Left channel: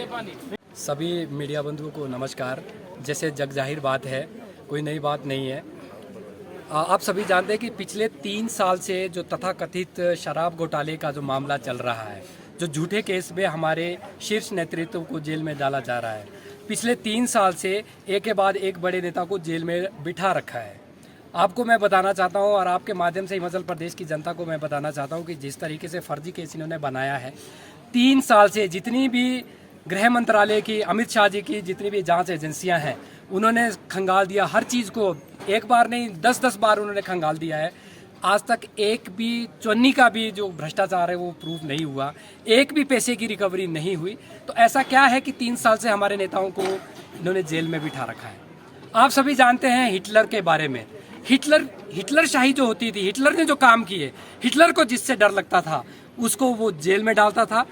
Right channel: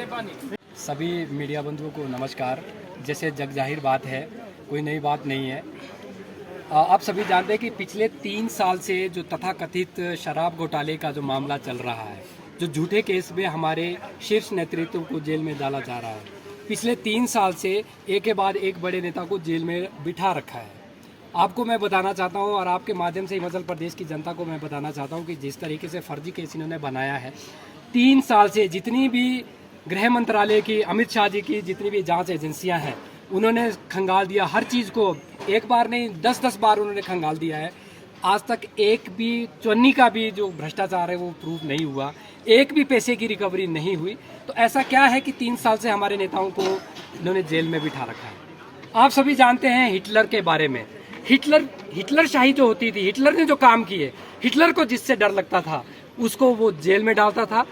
सभी मीडिया बंधुओं को नमस्कार। जैसे जग जाहिर बात है, कोई नई बात नहीं है। आप सभी जानते हैं कि पिछले 3 साल से जो तथाकथित शराब घोटाले का जो मामला चल रहा है, जो झूठे केस में हमारे शीर्ष नेतृत्व को जेल में डाला जा रहा है, पिछले 3 साल से एक के बाद एक बड़े नेता को जेल में बिठा रखा है। आपको मैं बताना चाहता हूं और आपके माध्यम से हिमाचल प्रदेश की जनता को मैं बताना चाहता हूं कि जिस तरीके से फर्जी केस इन्होंने बनाया है, 3 साल से जितनी भी गृह मंत्रालय की, अमित शाह जी की जितनी भी जांच एजेंसियां हैं, उन्होंने खंगाल दिया। हर चीज़ को एक बार नहीं 10-10 बार उन्होंने खंगाल दिया है। आज तक एक भी चुन्नी का भी जो भ्रष्टाचार है वो प्रूफ नहीं हुआ, एक भी पैसे की रिकवरी नहीं हुई। तो ऐसा क्या है कि 3 साल से हमारे नेताओं को इन्होंने जेल में बिठा रखा है। आप सभी जानते हैं हिटलर के बारे में। हिटलर शाही जो होती थी, हिटलर ने जो काम किए, हिटलर को जिससे डर लगता था उसको वो जेल में डालता था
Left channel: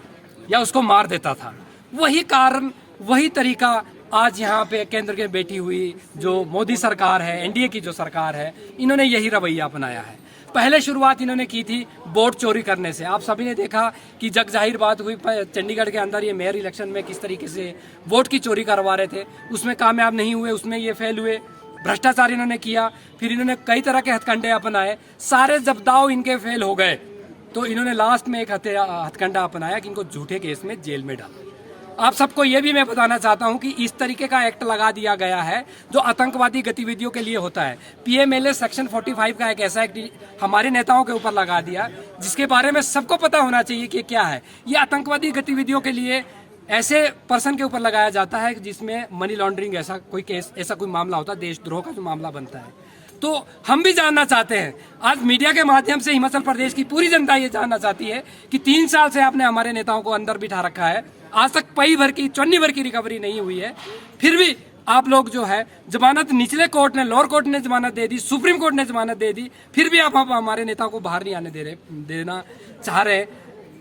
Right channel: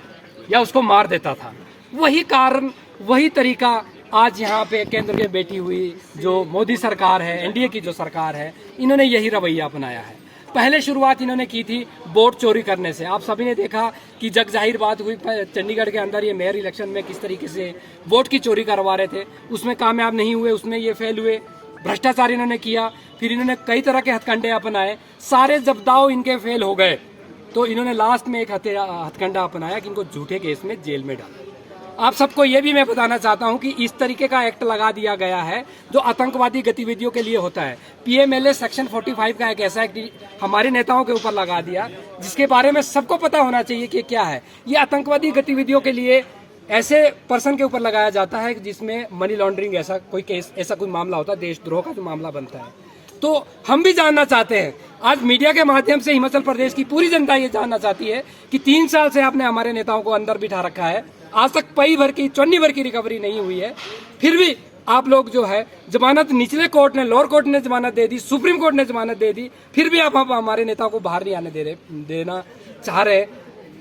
या उसको मार देता था। वही कारण, वही तरीका आज यहाँ पे केंद्र में बैठी हुई जो मोदी सरकार है, एनडीए की जो सरकार है, इन्होंने यही रवैया अपनाया है। पहले शुरुआत इन्होंने की थी वोट चोरी करने से। आप सभी ने देखा कि जग जाहिर बात हुई चंडीगढ़ के अंदर ये मेयर इलेक्शन में किस तरीके से वोट की चोरी करवा रहे थे। उसमें कामयाब नहीं हुए, उसमें ये फेल हुए। भ्रष्टाचार इन्होंने किया, फिर इन्होंने कई तरह के हथकंडे अपनाए। सारे जब दाव इनके फेल हो गए तो इन्होंने लास्ट में एक हथकंडा अपनाया कि इनको झूठे केस में जेल में डाला। आप सबको ये भी मैं बताना चाहता हूं कि इस तरीके का एक्ट लगा दिया गया है जो आतंकवादी गतिविधियों के लिए होता है। पीएमएलए सेक्शन 45 का एक ऐसा एक्ट हमारे नेताओं के ऊपर लगा दिया, जिसके बारे में सबको पता होना चाहिए कि क्या है। ये आतंकवादी गतिविधियों के लिए ऐसे पर्सन के ऊपर लगाया जाता है जिसमें मनी लॉन्ड्रिंग ऐसा कोई केस, ऐसा कोई मामला होता है, देशद्रोह का जो मामला बनता है। तो हम भी जानना चाहते हैं, आज मीडिया के माध्यम से हिमाचल प्रदेश की पूरी जनता ये जानना चाहती है कि 3 साल से आपने हमारे नेताओं को अंदर बिठा रखा है, आज तक पई भर की, चुन्नी भर की रिकवरी नहीं हुई है। फिर भी आप लोग जो है जमानत, निचले कोर्ट ने, लोअर कोर्ट ने जमानत दे दी, सुप्रीम कोर्ट ने जमानत दे दी, फिर भी आप हमारे नेताओं को बाहर नहीं आने देना चाह रहे,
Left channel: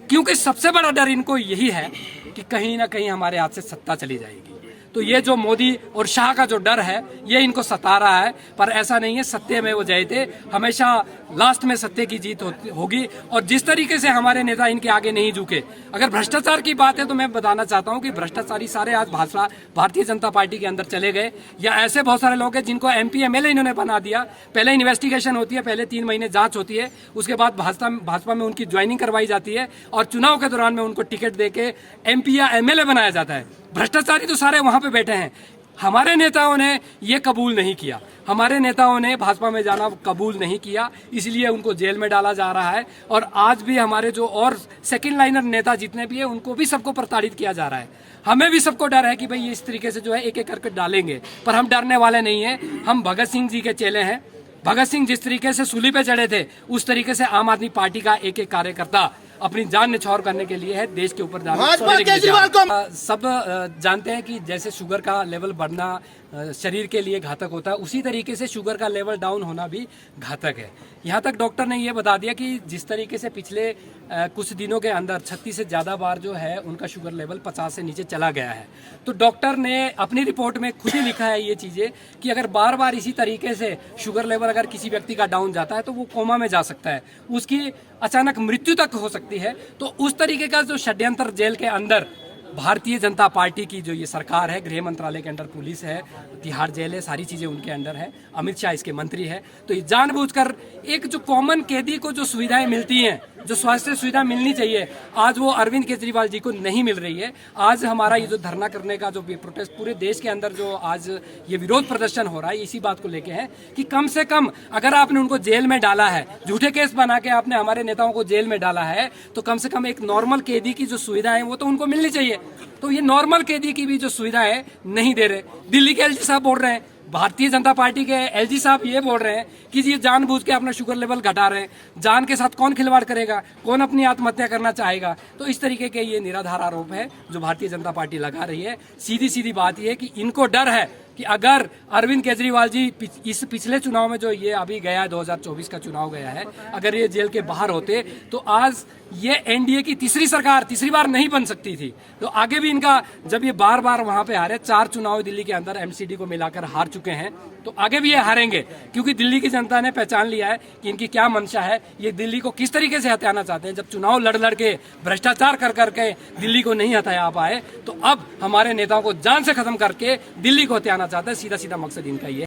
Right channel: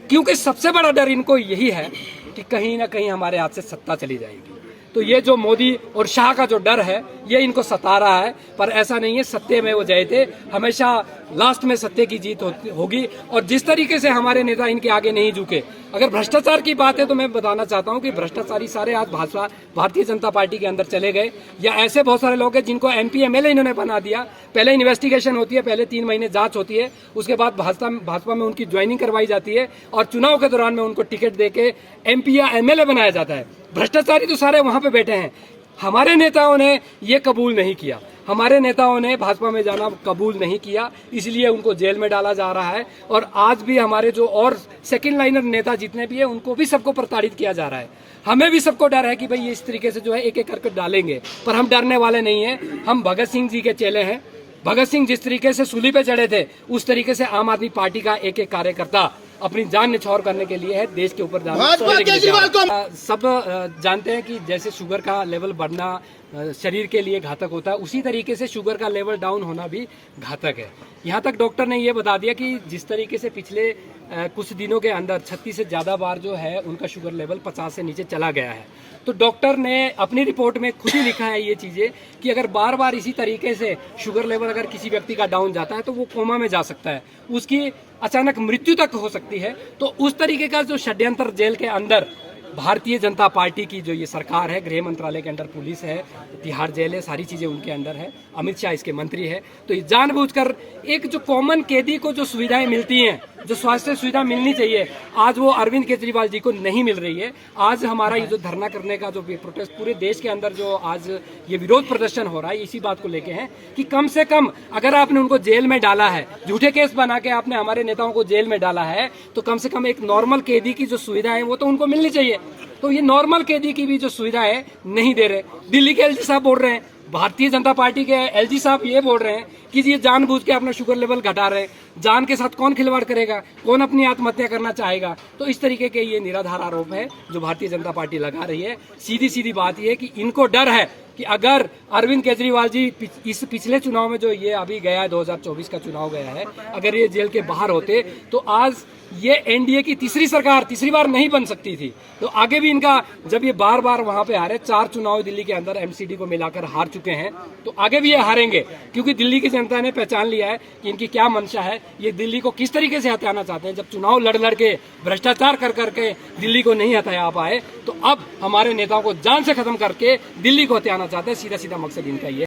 क्योंकि सबसे बड़ा डर इनको यही है कि कहीं ना कहीं हमारे हाथ से सत्ता चली जाएगी। तो ये जो मोदी और शाह का जो डर है ये इनको सता रहा है, पर ऐसा नहीं है। सत्य में वो जयते, हमेशा लास्ट में सत्य की जीत होगी। और जिस तरीके से हमारे नेता इनके आगे नहीं झुके, अगर भ्रष्टाचार की बात है तो मैं बताना चाहता हूं कि भ्रष्टाचारी सारे आज भारतीय जनता पार्टी के अंदर चले गए, या ऐसे बहुत सारे लोग हैं जिनको MP MLA इन्होंने बना दिया। पहले इन्वेस्टिगेशन होती है, पहले 3 महीने जांच होती है, उसके बाद भाजपा में उनकी ज्वाइनिंग करवाई जाती है और चुनाव के दौरान में उनको टिकट देके MP या MLA बनाया जाता है। भ्रष्टाचारी तो सारे वहां पे बैठे हैं। हमारे नेताओं ने ये कबूल नहीं किया, हमारे नेताओं ने भाजपा में जाना कबूल नहीं किया, इसलिए उनको जेल में डाला जा रहा है। और आज भी हमारे जो और सेकंड लाइनर नेता जितने भी हैं उनको भी सबको प्रताड़ित किया जा रहा है। हमें भी सबको डर है कि भाई इस तरीके से जो है एक एक करके डालेंगे, पर हम डरने वाले नहीं हैं। हम भगत सिंह जी के चेले हैं। भगत सिंह जिस तरीके से सूली पे चढ़े थे, उस तरीके से आम आदमी पार्टी का एक एक कार्यकर्ता अपनी जान निछावर करने के लिए है, देश के ऊपर सब जानते हैं कि जैसे शुगर का लेवल बढ़ना शरीर के लिए घातक होता है, उसी तरीके से शुगर का लेवल डाउन होना भी घातक है। यहाँ तक डॉक्टर ने ये बता दिया कि जिस तरीके से पिछले कुछ दिनों के अंदर 36 से ज़्यादा बार जो है उनका शुगर लेवल 50 से नीचे चला गया है। तो डॉक्टर ने अपनी रिपोर्ट में खुद ही लिखा है ये चीज़ें कि अगर बार बार इसी तरीके से शुगर लेवल अगर किसी व्यक्ति का डाउन जाता है तो वो कोमा में जा सकता है, उसकी अचानक मृत्यु तक हो सकती है। तो उस तरीके का जो षड्यंत्र जेल के अंदर भारतीय जनता पार्टी की जो ये सरकार है, गृह मंत्रालय के अंदर पुलिस है, तिहाड़ जेल है, सारी चीजें उनके अंदर है, अमित शाह इसके मंत्री है। तो ये जानबूझकर एक जो कॉमन कैदी को जो सुविधाएं मिलती हैं, जो स्वास्थ्य सुविधा मिलनी चाहिए, आज वो अरविंद केजरीवाल जी को नहीं मिल रही है। आज हमारा ये जो धरना करने का जो प्रोटेस्ट पूरे देश के अंदर जो आज ये विरोध प्रदर्शन हो रहा है, इसी बात को लेके है कि कम से कम अगर आपने उनको जेल में डाला है, झूठे केस बना के आपने हमारे नेताओं को जेल में डाला है, तो कम से कम एक नॉर्मल कैदी की जो सुविधा है वो तो उनको मिलनी चाहिए। तो ये नॉर्मल कैदी की भी जो सुविधा है नहीं दे रहे। दिल्ली के LG साहब बोल रहे हैं, भारतीय जनता पार्टी के LG साहब ये बोल रहे हैं कि ये जानबूझ के अपना शुगर लेवल घटा रहे हैं। जान के साथ कौन खिलवाड़ करेगा, कौन अपनी आत्महत्या करना चाहेगा। तो इस तरीके के ये निराधार आरोप है जो भारतीय जनता पार्टी लगा रही है। सीधी सीधी बात ये है कि इनको डर है कि अगर अरविंद केजरीवाल जी इस पिछले चुनाव में जो ये अभी गया है 2024 का चुनाव गया है, अगर ये जेल के बाहर होते तो आज ये एनडीए की तीसरी बार नहीं बन सकती थी। तो आगे भी इनका, जब ये बार बार वहां पे हारे, 4 चुनाव दिल्ली के अंदर एमसीडी को मिलाकर हार चुके हैं, तो आगे भी ये हारेंगे, क्योंकि दिल्ली की जनता ने पहचान लिया है कि इनकी क्या मंशा है, ये दिल्ली को किस तरीके से हटाना चाहते हैं। जब चुनाव लड़ के भ्रष्टाचार कर करके दिल्ली को नहीं हटाया पाए, तो अब हमारे नेताओं को जान से खत्म करके दिल्ली को हटाना चाहते हैं। सीधा सीधा मकसद इनका ये।